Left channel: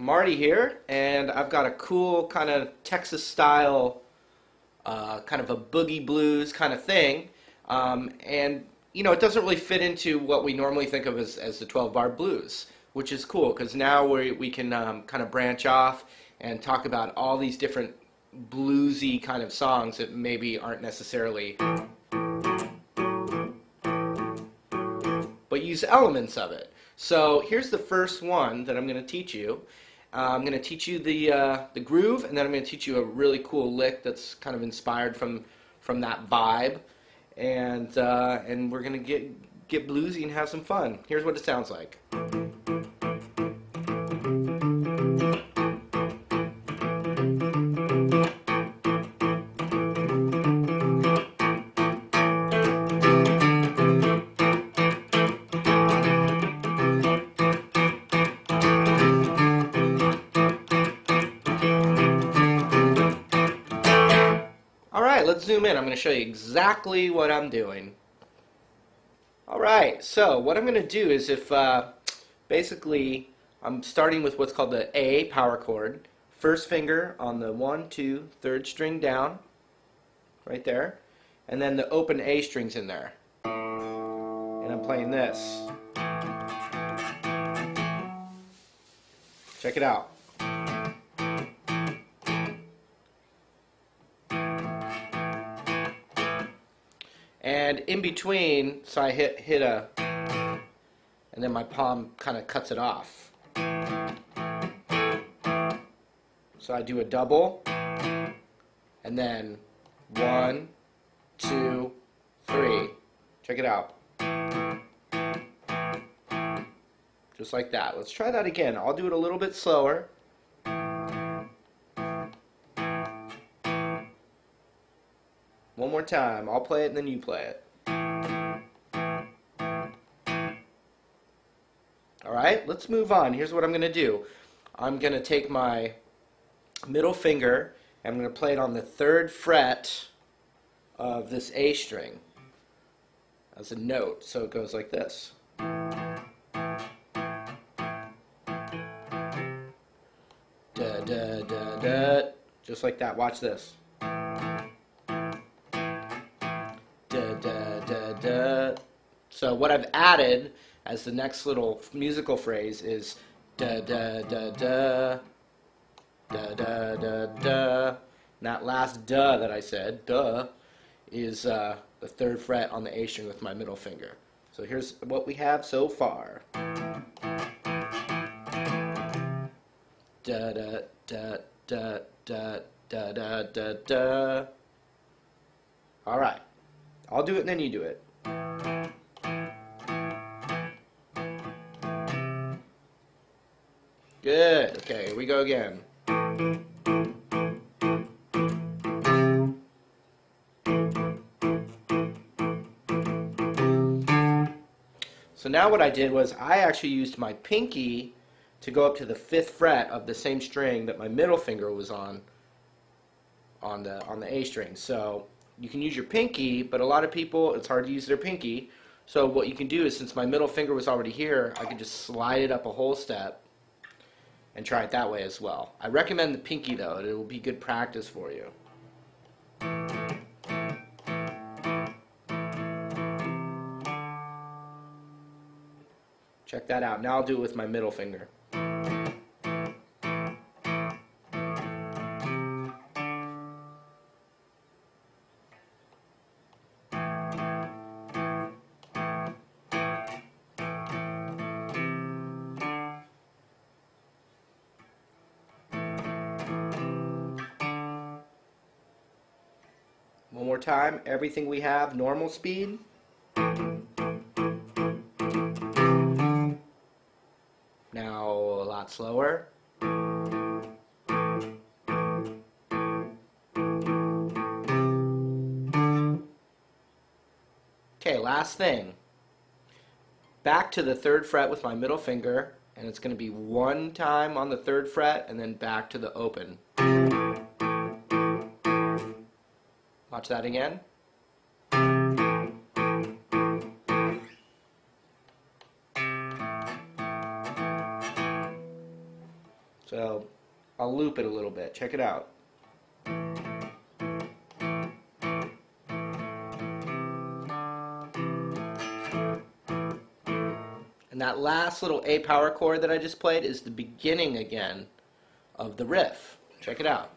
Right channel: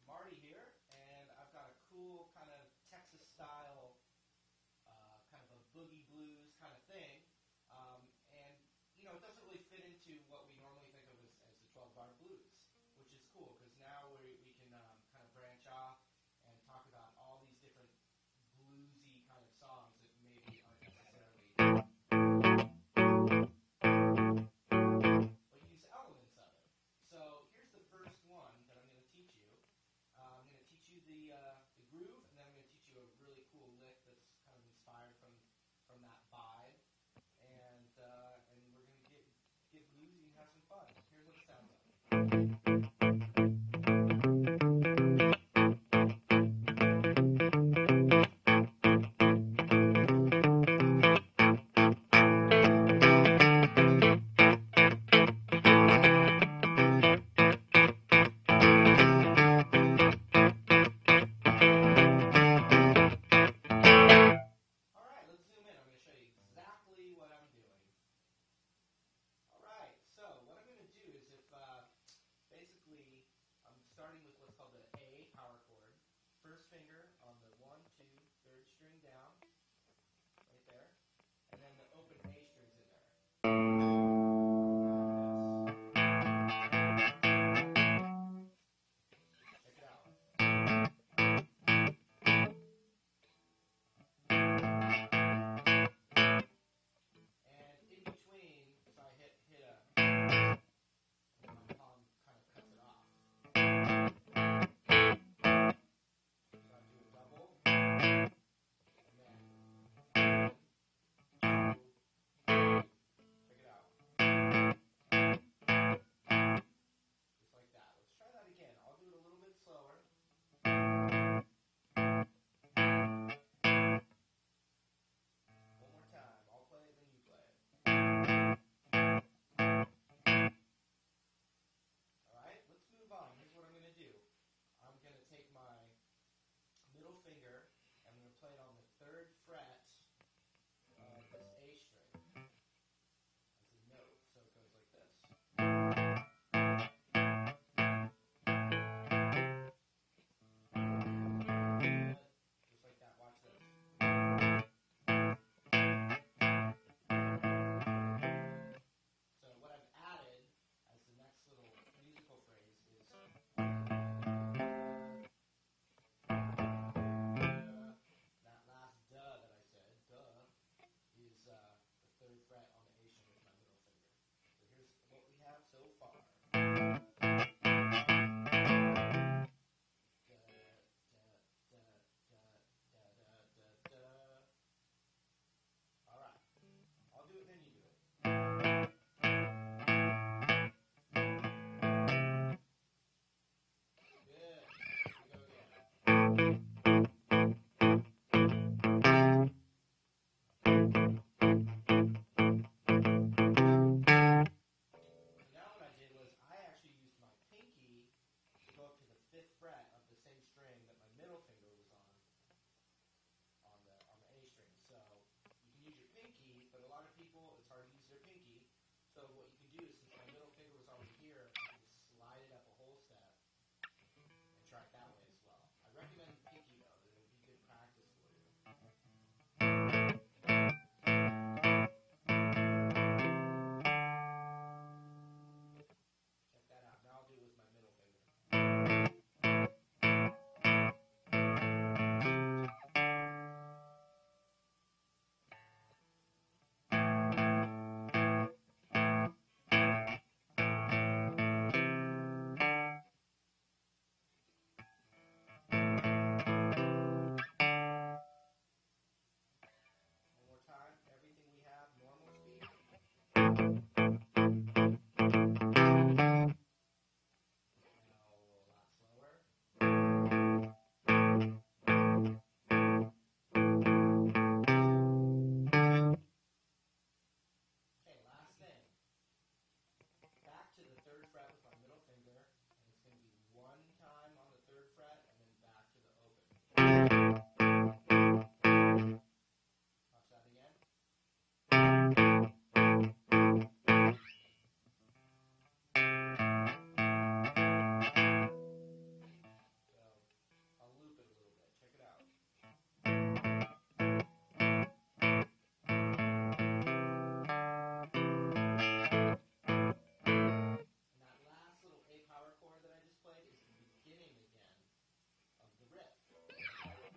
Marty here, and I've got a cool kind of Texas style, kind of a boogie blues kind of thing. And it doesn't really fit into what we normally think of as the 12 bar blues, which is cool because now we can kind of branch off and talk about all these different bluesy kind of songs that maybe aren't necessarily, but use elements of it. So here's the first one that I'm going to teach you. I'm going to teach you the groove, and then I'm going to teach you a really cool lick that's kind of inspired from that vibe, and we're going to get bluesy and have some fun. Here's what it sounds like. Alright, let's zoom in. I'm going to show you exactly what I'm doing. Alright, so what I'm going to do is basically I'm starting with what's called the A power chord. First finger on the 1, 2, 3rd string down, right there. And then the open A string's in there. And I'm playing this. Check it out. And in between, so I hit a, and then my palm kind of cuts it off. So I do a double, and then 1, 2, 3. Check it out. Just like that. Let's try that again. I'll do it a little bit slower. One more time. I'll play it and then you play it. Alright, let's move on. Here's what I'm going to do. I'm going to take my middle finger and I'm going to play it on the 3rd fret of this A string as a note. So it goes like this. Da, da, da, da. Just like that. Watch this. So what I've added as the next little musical phrase is da da da da da da da da. And that last da that I said, duh, is the 3rd fret on the A string with my middle finger. So here's what we have so far. Da da da da da da da da da. All right, I'll do it and then you do it. Good. Okay, here we go again. So now what I did was I actually used my pinky to go up to the 5th fret of the same string that my middle finger was on the A string. So you can use your pinky, but a lot of people, it's hard to use their pinky. So what you can do is, since my middle finger was already here, I can just slide it up a whole step and try it that way as well. I recommend the pinky though. It will be good practice for you. Check that out. Now I'll do it with my middle finger. One more time, everything we have, normal speed. Now a lot slower. Okay, last thing. Back to the 3rd fret with my middle finger, and it's going to be 1 time on the 3rd fret, and then back to the open. Watch that again. So loop it a little bit. Check it out. And that last little A power chord that I just played is the beginning again of the riff. Check it out.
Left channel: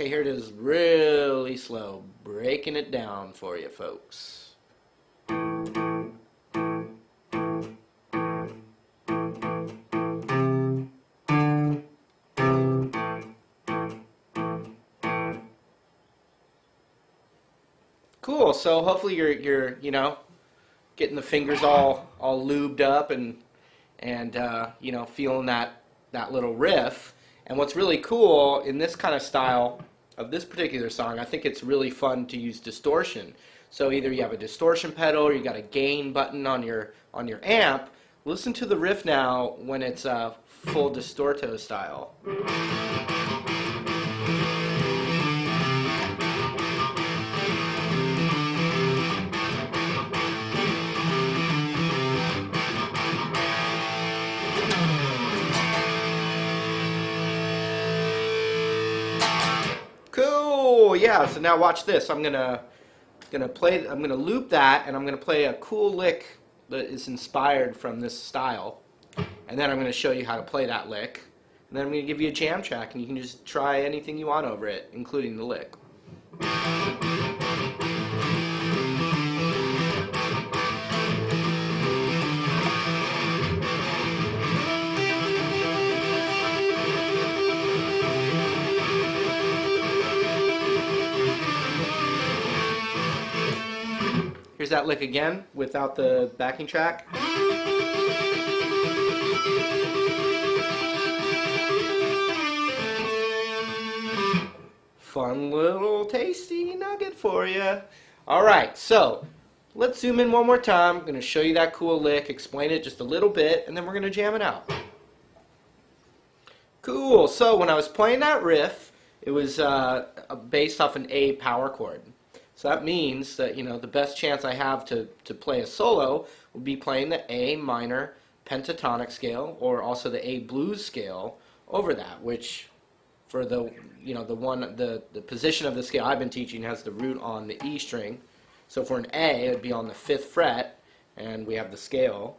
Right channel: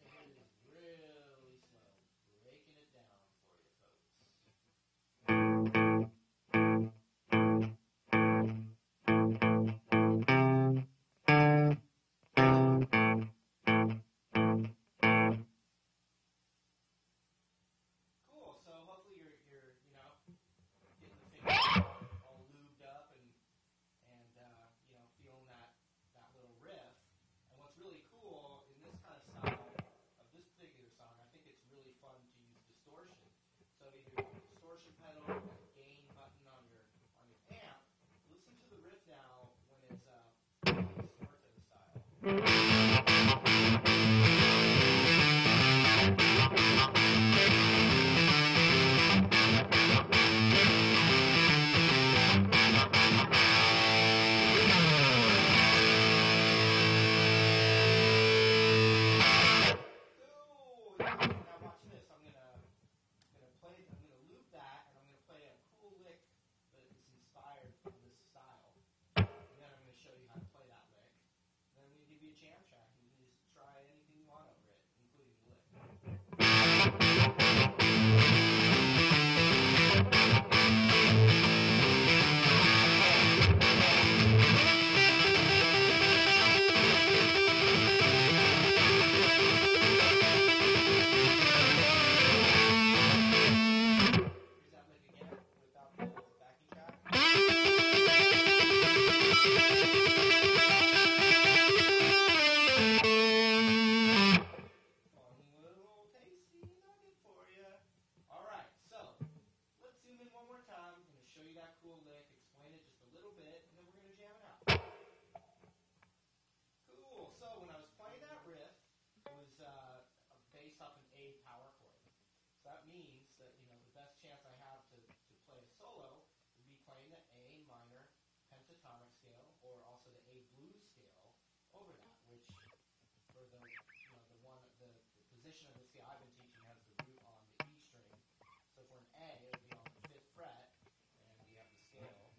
Okay, here it is really slow, breaking it down for you folks. Cool, so hopefully you're you know, getting the fingers all lubed up and you know, feeling that little riff. And what's really cool in this kind of style of this particular song, I think it's really fun to use distortion. So either you have a distortion pedal or you got a gain button on your amp. Listen to the riff now when it's full distorto style. Cool, yeah. So now watch this. I'm gonna loop that, and I'm gonna play a cool lick that is inspired from this style, and then I'm gonna show you how to play that lick, and then I'm gonna give you a jam track, and you can just try anything you want over it, including the lick. Here's that lick again without the backing track. Fun little tasty nugget for you. Alright, so let's zoom in one more time. I'm going to show you that cool lick, explain it just a little bit, and then we're going to jam it out. Cool, so when I was playing that riff, it was based off an A power chord. So that means that, you know, the best chance I have to play a solo would be playing the A minor pentatonic scale, or also the A blues scale over that, which for the, you know, the position of the scale I've been teaching has the root on the E string. So for an A, it would be on the 5th fret, and we have the scale.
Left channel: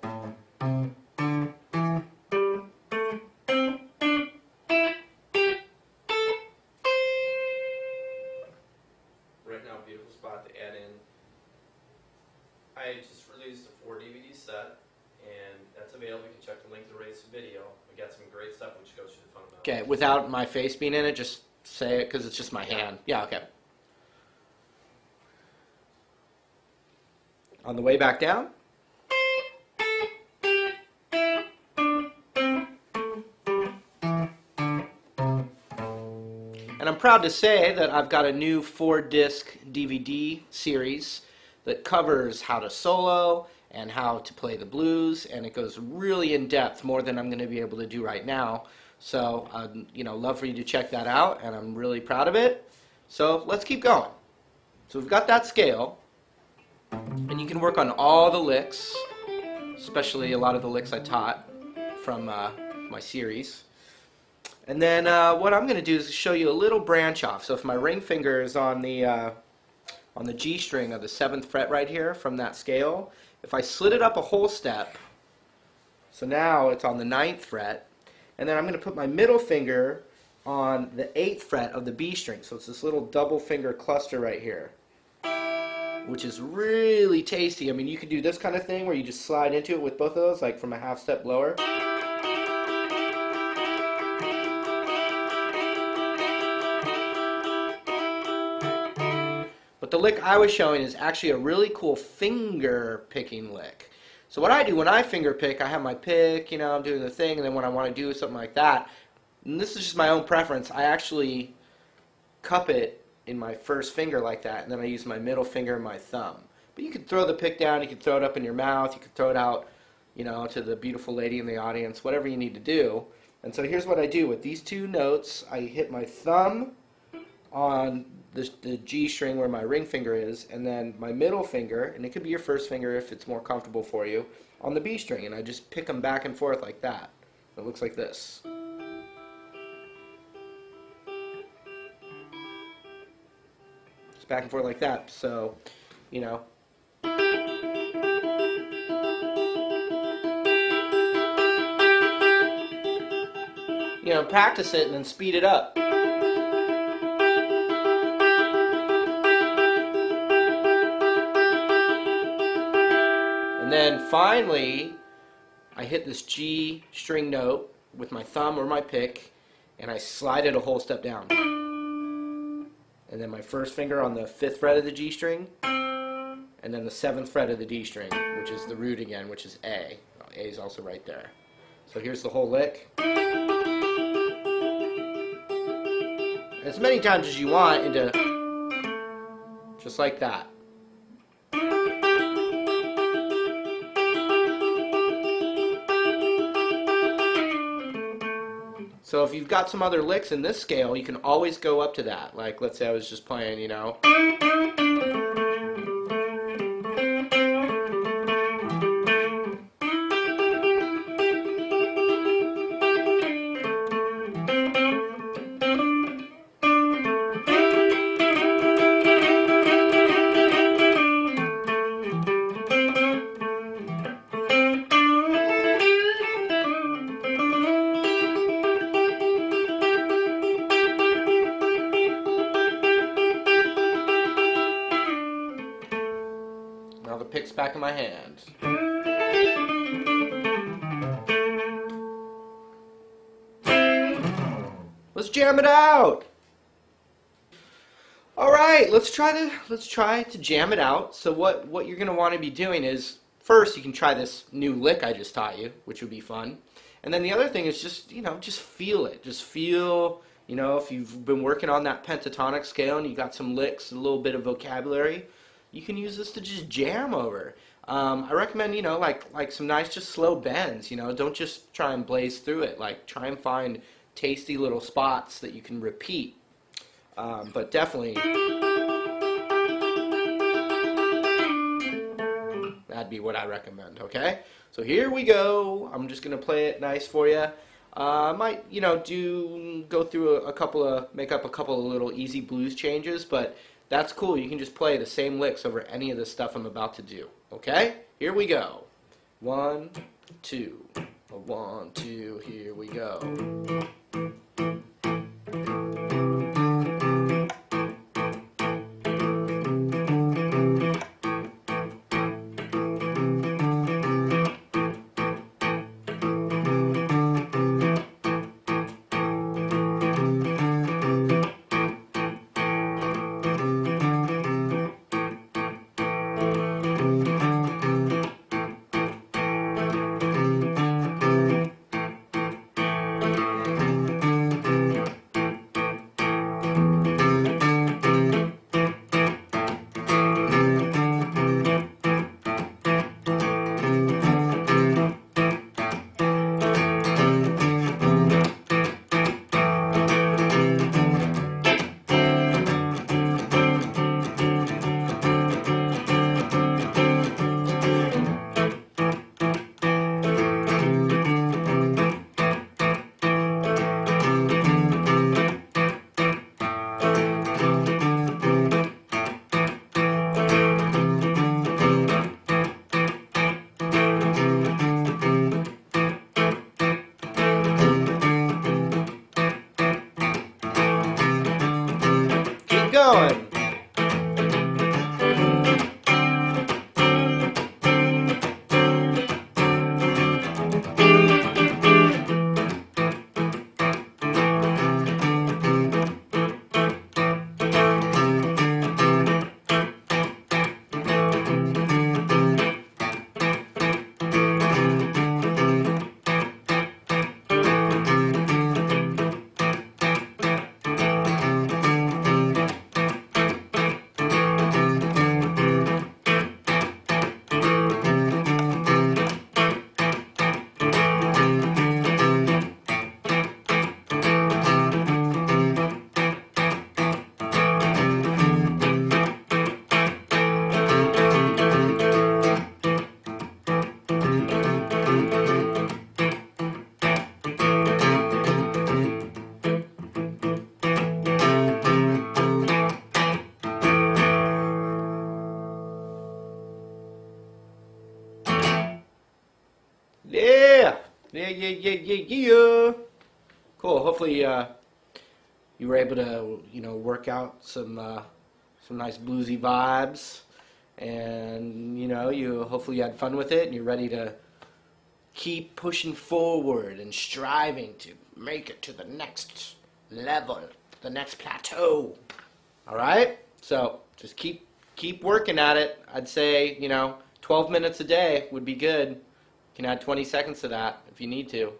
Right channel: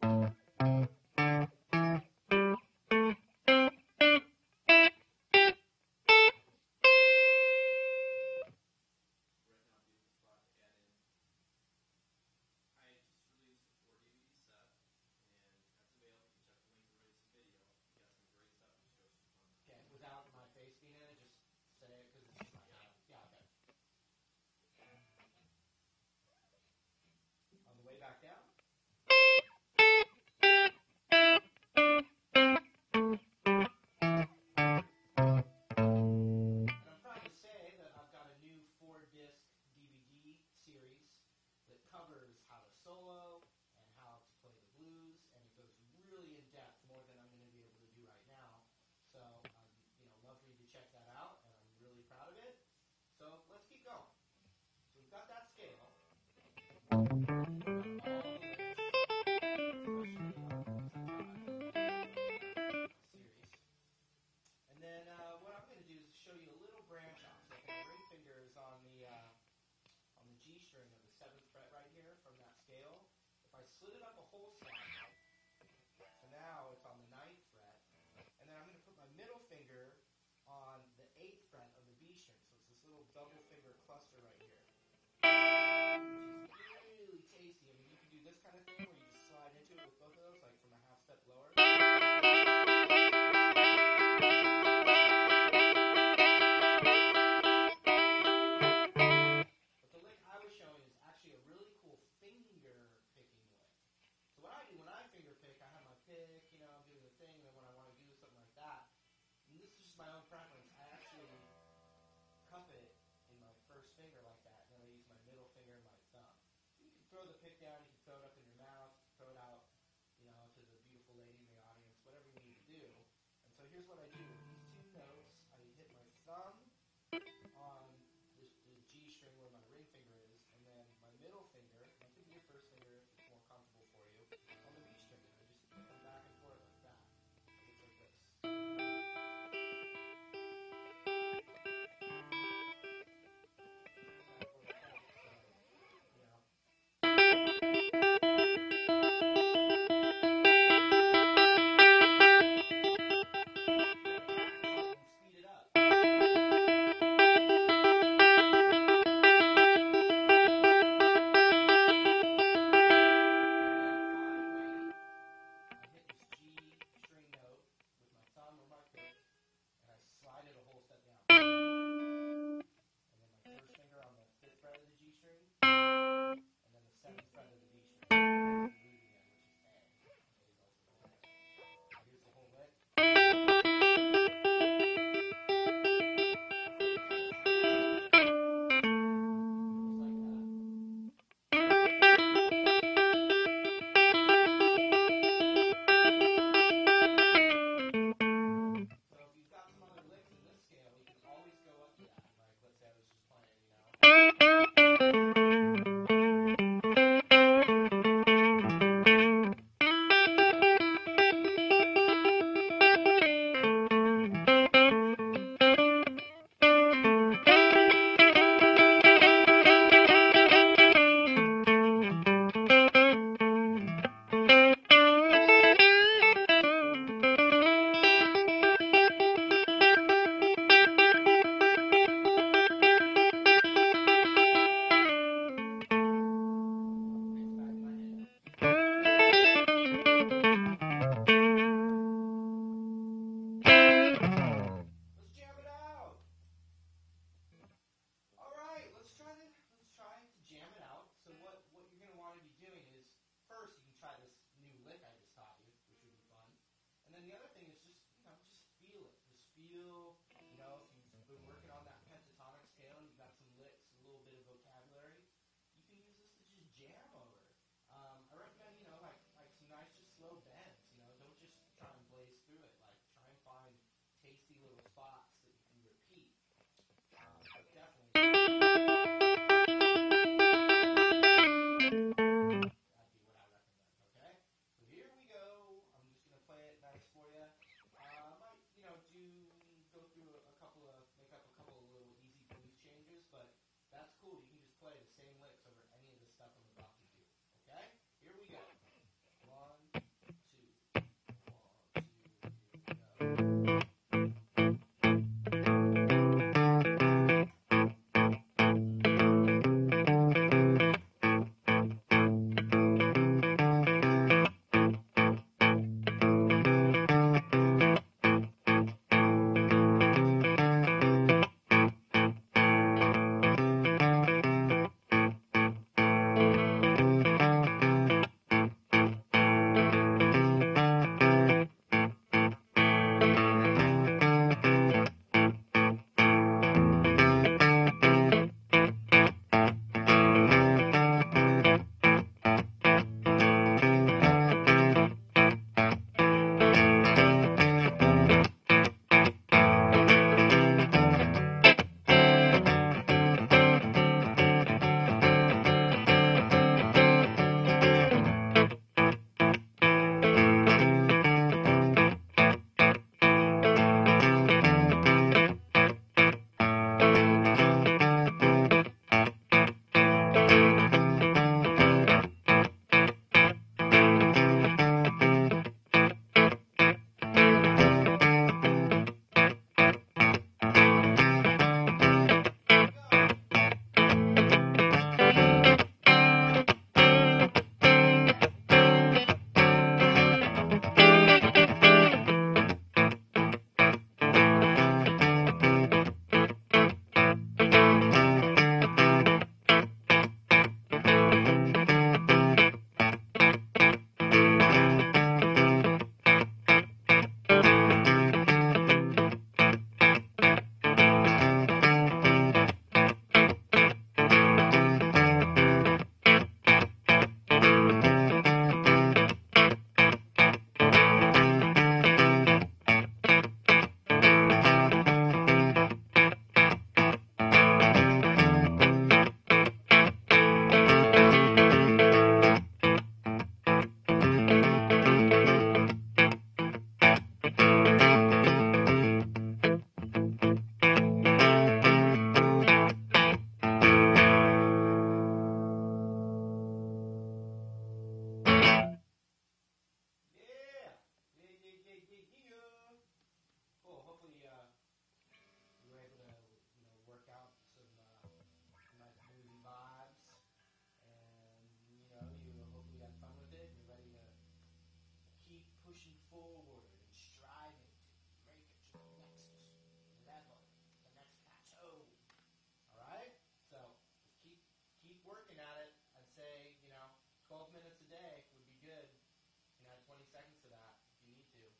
I just released a 4 DVD set, and that's available. You can check the link to the Race video. We got some great stuff which goes through the fundamentals. Okay, without my face being in it, just say it because it's just my hand. Yeah, okay. On the way back down. And I'm proud to say that I've got a new 4-disc DVD series that covers how to solo and how to play the blues, and it goes really in depth, more than I'm going to be able to do right now. So I'd, you know, love for you to check that out, and I'm really proud of it. So let's keep going. So we've got that scale, and you can work on all the licks, especially a lot of the licks I taught from my series. And then what I'm going to do is show you a little branch off. So if my ring finger is on the G string of the 7th fret right here from that scale, if I slid it up a whole step, so now it's on the 9th fret, and then I'm going to put my middle finger on the 8th fret of the B string. So it's this little double finger cluster right here, which is really tasty. I mean, you could do this kind of thing where you just slide into it with both of those, like from a half step lower. But the lick I was showing is actually a really cool finger picking lick. So what I do when I finger pick, I have my pick, you know, I'm doing the thing, and then when I want to do something like that, and this is just my own preference, I actually cup it in my first finger like that, and then I use my middle finger and my thumb. But you could throw the pick down, you could throw it up in your mouth, you could throw it out, you know, to the beautiful lady in the audience, whatever you need to do. And so here's what I do with these two notes. I hit my thumb on the G string where my ring finger is, and then my middle finger, and it could be your first finger if it's more comfortable for you, on the B string, and I just pick them back and forth like that. It looks like this. Just back and forth like that. So, you know. You know, practice it and then speed it up. And then finally, I hit this G string note with my thumb or my pick, and I slide it a whole step down. And then my first finger on the 5th fret of the G string, and then the 7th fret of the D string, which is the root again, which is A. A is also right there. So here's the whole lick. As many times as you want into, just like that. So if you've got some other licks in this scale, you can always go up to that. Like, let's say I was just playing, you know. Now the pick's back in my hand. Let's jam it out. All right, let's try to jam it out. So what you're gonna want to be doing is, first you can try this new lick I just taught you, which would be fun. And then the other thing is just, you know, just feel it. Just feel, you know, if you've been working on that pentatonic scale and you got some licks, a little bit of vocabulary, you can use this to just jam over. I recommend, you know, like some nice just slow bends, you know, don't just try and blaze through it. Like, try and find tasty little spots that you can repeat. But definitely, that'd be what I recommend, okay? So here we go. I'm just going to play it nice for you. I might, you know, go through make up a couple of little easy blues changes, but that's cool. You can just play the same licks over any of the stuff I'm about to do. Okay? Here we go. 1, 2. 1, 2. Here we go. yeah. Cool. Hopefully you were able to, work out some nice bluesy vibes, and you hopefully you had fun with it, and you're ready to keep pushing forward and striving to make it to the next level, the next plateau. All right? So just keep working at it. I'd say, 12 minutes a day would be good. You can add 20 seconds to that if you need to.